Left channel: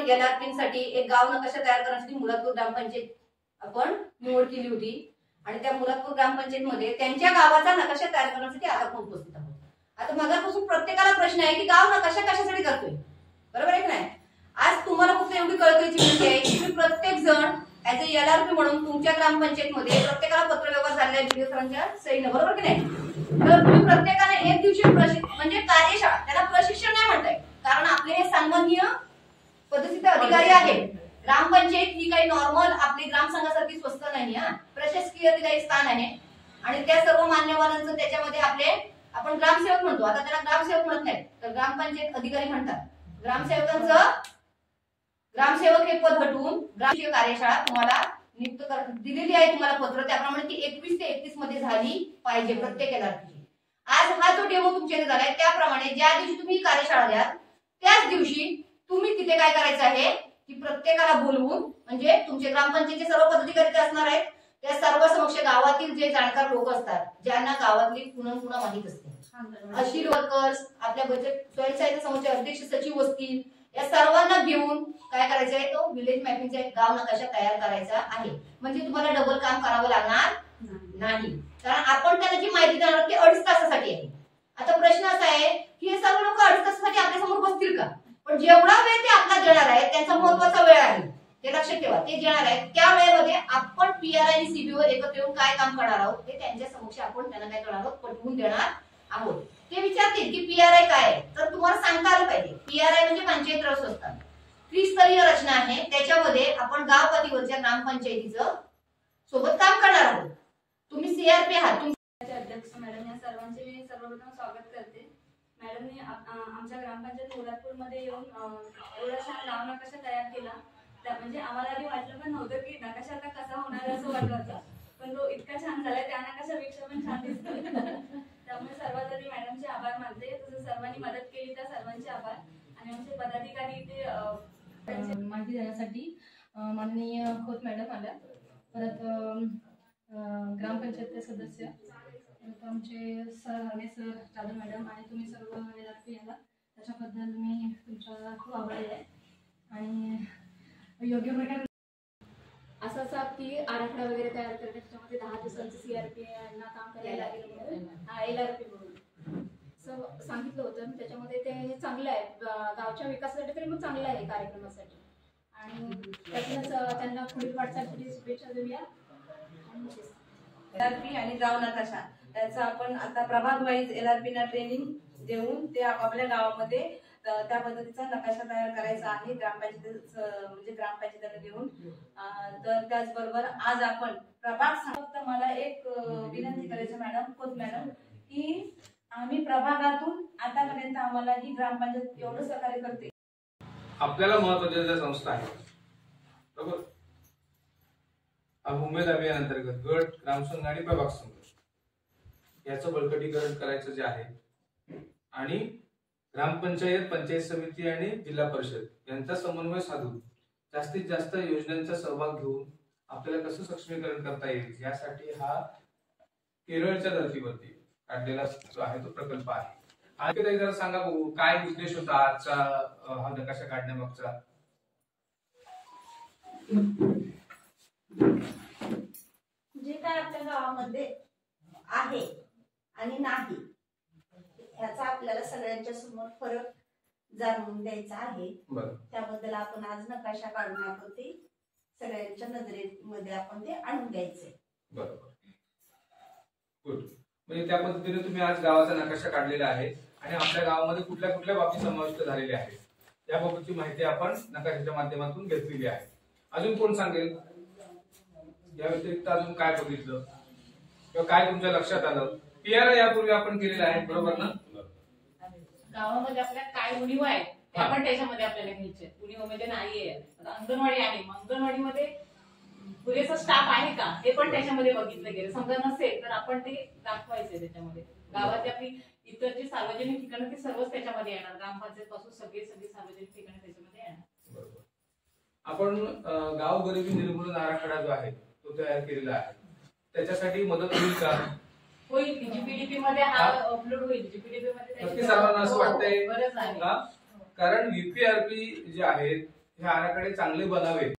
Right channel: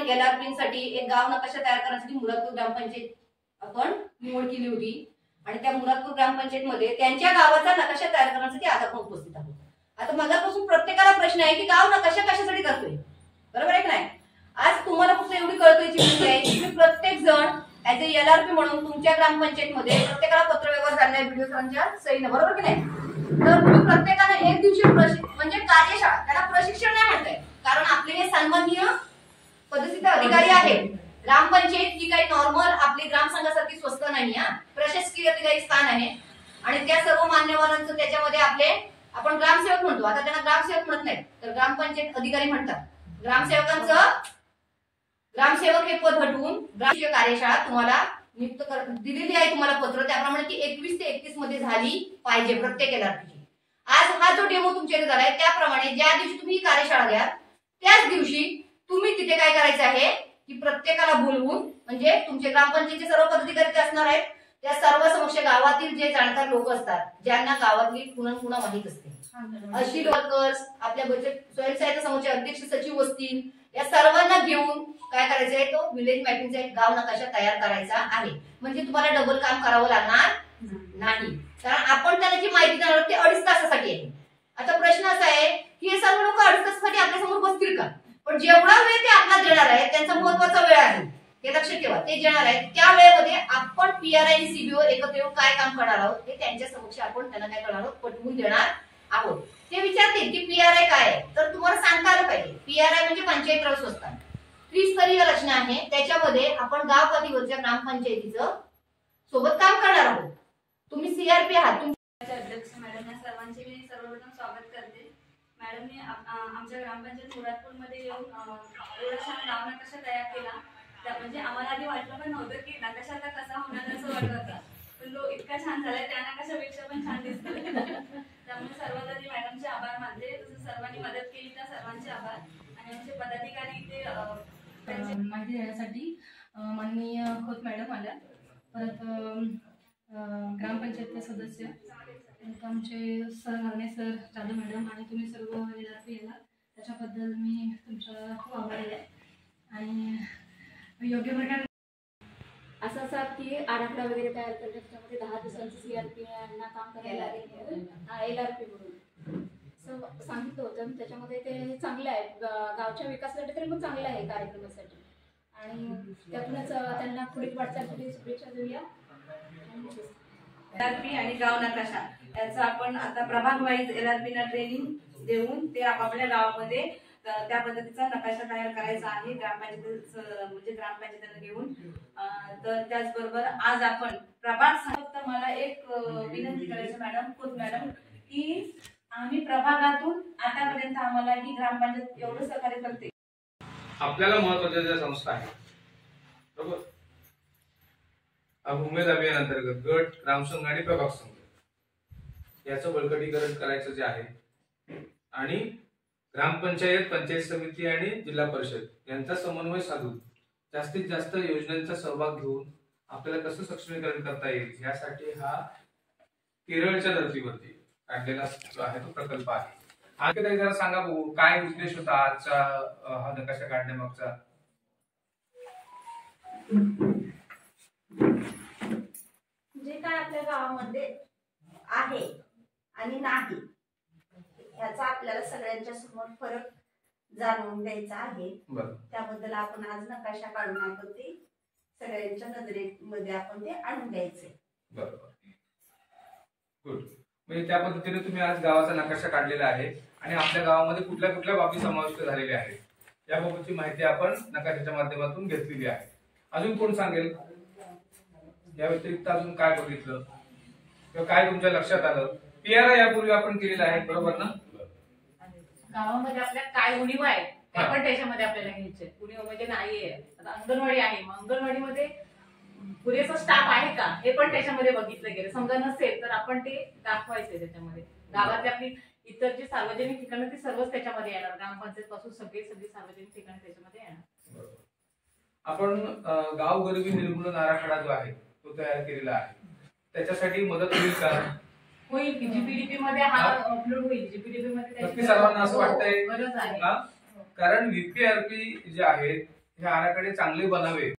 आपण LRP साठी एक गाव नकाशा तयार करण्यासाठी मुरादपूर ग्रामपंचायत आपण निवड केली होती आणि त्या मुरादपूर ग्रामपंचायतमध्ये त्यांच्या गावाचा नकाशा तयार करण्यासाठी आज आपण उपस्थित आहोत. आता मगापासून प्रत्येकाला प्रश्न आहे की गाव नकाशा कशासाठी करतोय, बरोबर आहे की नाही. आज तुम्हाला फक्त एवढी कळकळीची विनंती आहे की तुम्ही प्रत्येक जण ऍज ए LRP म्हणून तुमच्या ग्रामपंचायतमध्ये प्रत्येकाला पत्रव्यवहार झालेला आहे व्हिडिओ सरांच्या सहीनं, बरोबर की नाही. तर तुम्ही प्रत्येकाने एक दिवशी म्हणजे कार्यशाळा, त्याला प्रशिक्षण नाही म्हणताय कारण आपले हे सन्माननीय पद्धतीचे अधिकारी आहेत. ग्रामपंचायत ही काही नॉर्मल आपली ग्रामसंघासारखी स्वस्त नाही, प्रशासकीय काही स्थान आहे आणि त्या सर्व मान्यवरांचं त्याच्यामध्ये आपले आपण ग्रामसेवक म्हणतो, आता त्यांना ग्रामसेवक म्हणत नाहीत तर ग्रामपंचायत अधिकारी म्हणतात. ग्रामसेवकांचं ग्रामसेवक हे पद हटवून ग्रामसेवक कार्यशाळा तुम्हाला नियुक्त दिलेली आहे तुम्हाला पत्र, त्याप्रमाणे ती 21 ते 31 मध्ये झाली पाहिजे प्रत्येक LRP. आज हा जो डेमो तुमच्याकडे झालाय त्याप्रमाणे ज्या दिवशी तुम्ही ही कार्यशाळा द्याल त्याच दिवशी तुम्ही तिथे काय करायचं आहे की प्रत्येकाला बोलवून म्हणजे तुमचे ग्रामपंचायतचे सर्व पदाधिकारी ते असणार आहेत, त्या सर्व समक्ष गावातील जे जाणकार लोक असतात ज्यांना गावातली पुन्हा माहित असते अशी वर्कर्स, आपल्या बचत स्वयंसहायता समूहाचे अध्यक्ष सचिव असतील, या सर्वांना घेऊन काय करायचं आहे तो विलेज मॅपिंगचा एक गाव नकाशा तयार करायचा आहे. म्हणजे तुम्हाला डबल काम करावं लागणार नाही कारण आपण त्यांना जी माहिती देणार ते 2.5 तासासाठी आहे. आता प्रश्न असा आहे की हे सर्व लोक 2.5 तासासाठी आपल्या समोर बसतील का, पण जेवढा वेळ ते आपला देणार आहे त्यांचा महत्वाचा वेळ आहे हे लक्षात ठेवा. ते देणार आहेत त्या वेळेमध्ये आपण PRI आणि CBO एकत्र येऊन काय काम करणार आहोत हे त्यांच्या समक्ष आपण त्यांना काय करणार आहोत पटवून देणार आहोत. ते विचारतील की PRI काय आहे तर तुम्हाला सांगता आलं पाहिजे. PRI म्हणजे पंचायत राज संस्था त्रिस्तरीय रचना आहे, त्याच्यामध्ये आपण गाव पातळीवरच्या ग्रामपंचायतीचं सोबत काम करणार आहोत. तुम्ही CRP आहात. तुमचे अध्यक्ष मॅडम या सर्वांचे मी सर्वप्रथम स्वागत करते. मॅडमने आमच्या ग्रामपंचायत मुरादपूर मध्ये येऊन एवढा छान गाव नकाशा तयार केला. म्हणजे आम्हाला आधी वाटलं पण नव्हतं की नकाशा आता कसा होणार असं वाटत होतं, पण तो इतका छान झालाय त्या नकाशापेक्षा पण छान दिसतोय. त्यामुळे सर्वात आधी मॅडमचे आभार मानते. तसं सर्वांनी मदत केली त्या सर्वांचे आभार आणि आमचे पदाधिकारी ते माहिती देण्यासाठी माननीय खोत मॅडम आल्या, परत ग्रामपंचायतचे सदस्य आमचे सर हरणे सर, जाधव मॅडम आणि तुम्ही सर्व LRP याला त्याच्याबद्दल मी तुमचा खूप आभारी आहे. आणि योग्य प्रकारे असं असं की आराखडा वगैरे तयार करणे त्याच्यामध्ये 10 दिवसांचं CRP यांना काम करायला लागेल. LRP म्हणून सांगितलं होतं. त्याच्यामध्ये ते चांगलं आहे गावच्या विकासासाठी तरी मग चांगलं आहे कार्यक्रमासाठी आणि त्यातूनच त्यांना पुढील वाटचालीसाठी शुभेच्छा देऊया. LRP आणि गाव नकाशा त्याचा आपण आता प्रभाग वाईज LRP ना ट्रेनिंग देऊन ते आपापल्या गावामध्ये त्या पद्धतीचा नकाशा तयार करायचा आहे म्हणजे ग्रामपंचायतीला घेऊन. तर त्याचबरोबर आज आपण प्रभाग फक्त मला एक विनंती करायची मॅडम खोत मॅडम की आम्ही प्रभागातून आतापर्यंत आम्हाला ही ग्रामपंचायत एवढं सहकार्य करते. आपल्याला महत्वाच्या ज्या संस्था आहेत बरोबर, उमेद अभियानांतर्गत गट, ग्रामसंघ आणि प्रभाग संघ याचं बळकटीकरण करायचं जे आहे आणि ग्रामपंचायत, पंचायत समिती आणि जिल्हा परिषद यांचा समन्वय साधून जास्तीत जास्त योजनांचा सहभाग घेऊन आपल्याला कसं सक्षमीकरण करता येईल यासाठी हा केरळच्या धर्तीवरती काढलेला जो आहे तो प्रकल्प आहे. आज काही जरा सांगा भाऊ, काय उद्देश होता आजचा हा नकाशा काढण्यामागचा? जे काय आपल्या गावामध्ये आहे आणि नाही याचा आपल्याला सगळ्यांच्या समोर फरक जाणून द्यायचा आहे. त्याबद्दल आपण आज नकाशा काढून आपण ते सगळ्यांच्या नजरेमध्ये आपण ते आणून द्यायचे. बरोबर, गुड. म्हणजे त्या पद्धतीने तुम्ही आज गावाचा नकाशा काढलेला आहे आणि आपल्या गावामध्ये कुठल्या कुठल्या बाबी समाविष्ट झालेल्या आहेत याबाबतची माहिती आपण नकाशाच्या माध्यमातून घेतलेली आहे. अजून कोण सांगेल या व्यतिरिक्त अजून काय बघितलं किंवा काय तुमच्या लक्षात आलं? PRI यापूर्वी आपण केलेला आहे बरोबर ना? गावामध्ये आपल्या काय उणीव आहे त्या पण त्याच्यामध्ये आपल्याला घ्यायचे. उणीव म्हणजे नाहीये, आता अंगणवाडी आहे, मग अंगणवाडीमध्ये पुरेसा स्टाफ आहे का हे पण त्याच्यामध्ये बघितलं गेलं. समजा नसेल तर आपण ते दाखवायचे त्याच्यामध्ये. गावातली आपली इतर जी सार्वजनिक ठिकाणं ती सर्वच त्याच्यामध्ये येणार, ग्रामपंचायत पासून सगळी सार्वजनिक ठिकाणं त्याच्यामध्ये येणार. आपण गाव गरिबी निर्मूलन आराखडा जो आहे तो तयार केलेला आहे, त्याच्यासाठी मदत होईल का? होईल की GPDP मध्ये हा अपलोड होईल. GPDP मध्ये नक्की सर्वांना असं वाटतंय गरज आहे कारण VPRP जे आहेत हे आराखडे चांगले बनावे